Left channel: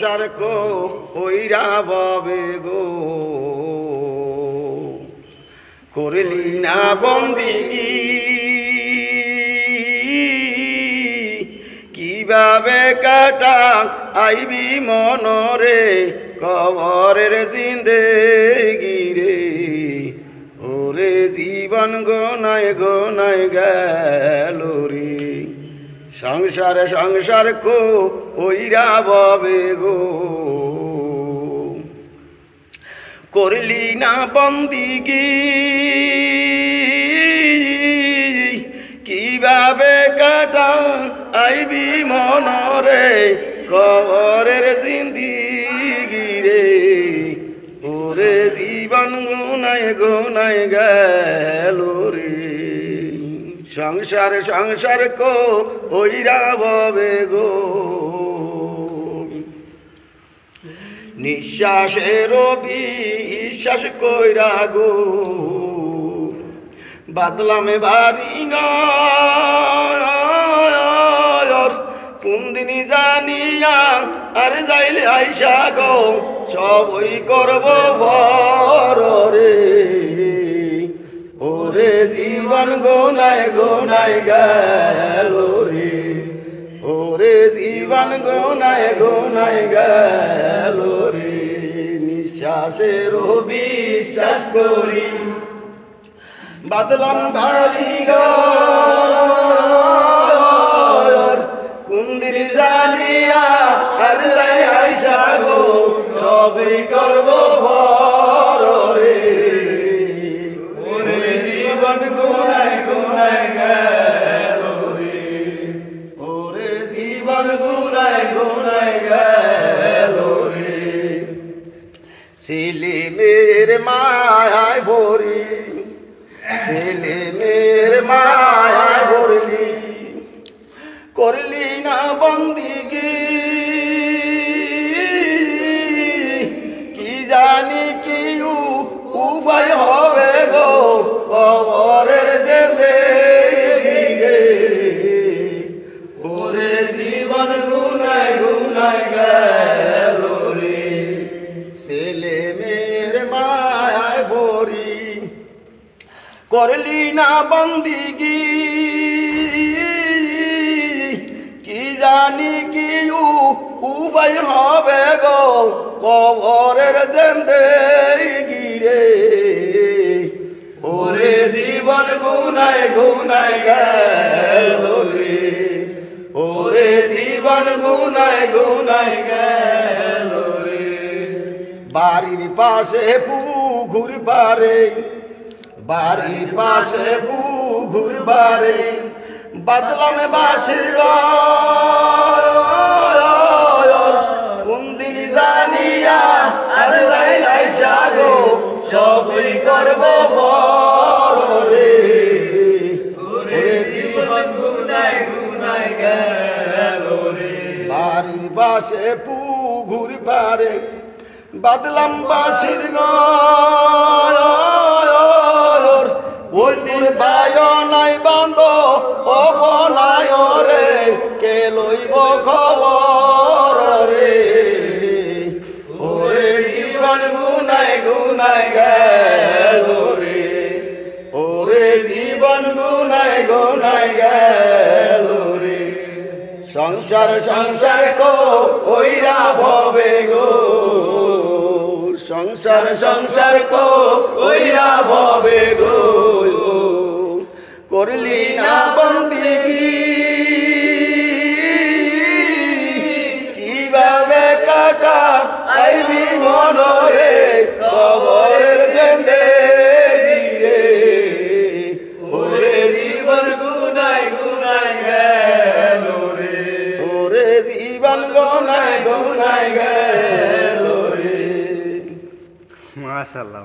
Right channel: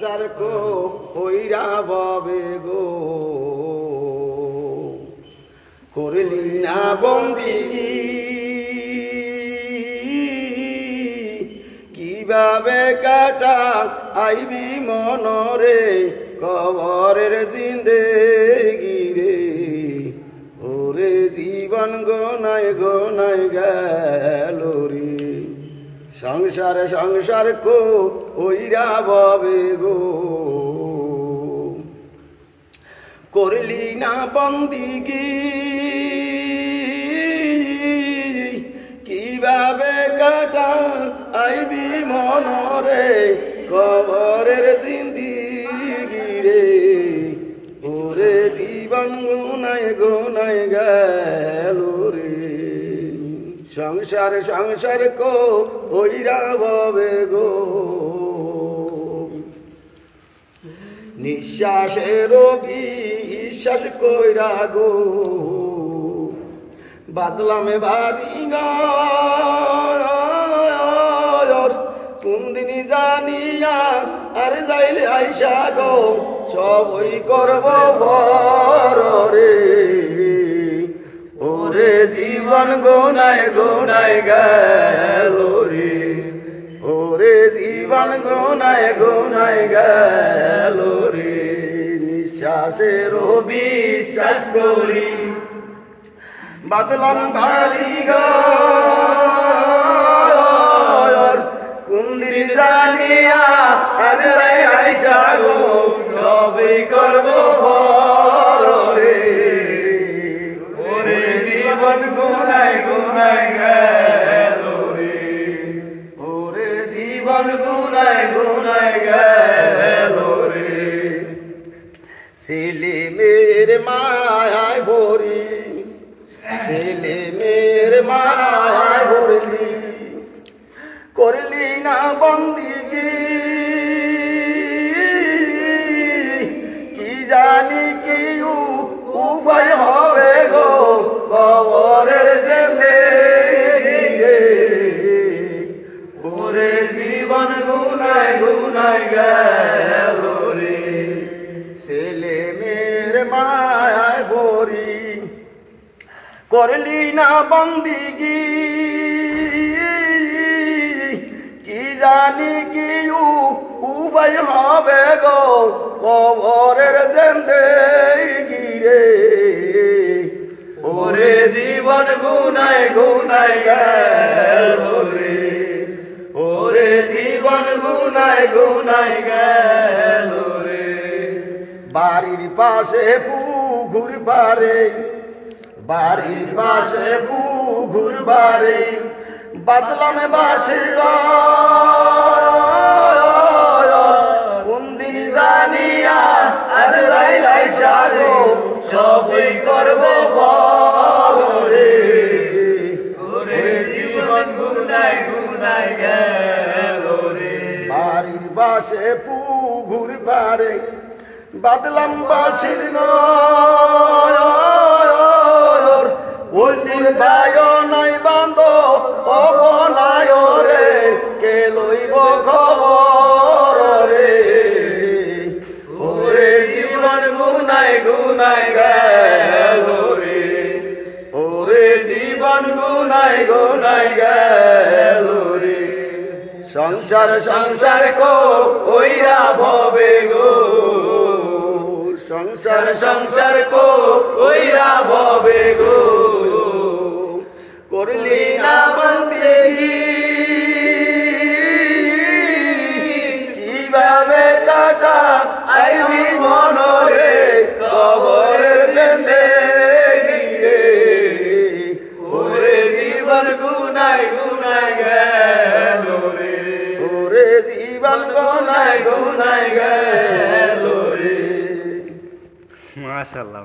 সারকো ওইরা বাবে গো করলি না বন্দিগি কিভাবে কাটা আইবি মনরে কবরের জিন্দেগি রে ওরে জীবন গোনায় গোনায় গেল রে সংসার সংসার কো ওইরা ববে গো করলি না বন্দিগি কিভাবে কাটা আইবি মনরে কবরের জিন্দেগি রে ওরে জীবন গোনায় গোনায় গেল রে সংসার সংসার কো ওইরা ববে গো নিঃশ্বাসের বিশ্বাস কইরা গো বাদলামে বাড়ি ঘর কোন দিনই জানিয়া আর যাইলে আইসা গো সবই করব বড় রে ওরে জীবন গোনায় গোনায় গেল রে ওরে জীবন গোনায় গোনায় গেল রে নিঃশ্বাসের বিশ্বাস করি বাদলাম বাড়ি ঘর কোন দিন জানিয়া আজ আইসা গো সবই করব বড় রে ওরে জীবন গোনায় গোনায় গেল রে ওরে জীবন গোনায় গোনায় গেল রে ছেলে মেয়ের মায়ায় ভরি ছেলে মেয়ের মায়ায় ভরলি করলি না বন্দিগি কি জানি কি উপায় হবে গো কবরের জিন্দেগি রে ওরে জীবন গুনায় গুনায় গেল রে ছেলে মেয়ের মায়ায় ভরি করলি না বন্দিগি কি জানি কি উপায় হবে গো কবরের জিন্দেগি রে ওরে জীবন গুনায় গুনায় গেল রে ওরে জীবন গুনায় গুনায় গেল রে বাড়ির পাশে পুকুর পারে বাড়ির পাশে পুকুর পারে বাদলামে বাসি কোন দিন জানিয়া আর আইসা গো সবই করব বড় রে ওরে জীবন গুনায় গুনায় গেল রে বাড়ির পাশে পুকুর পারে বাদলাম বাসির ওদের বায় নাই বান্ধ অবনায় রে কে লইব খবর রে ওরে জীবন গুনায় গুনায় গেল রে ওরে জীবন গুনায় গুনায় গেল রে সংসার সংসার কো ওইরা ভবে গো সংসার সংসার কো ওইরা ভবে গো করলি না বন্দিগি কিভাবে কাটা আইবি মনরে কবরের জিন্দেগি রে ওরে জীবন গুনায় গুনায় গেল রে ওরে জীবন গোনায় গোনায় গেল রে মাশাআল্লাহ।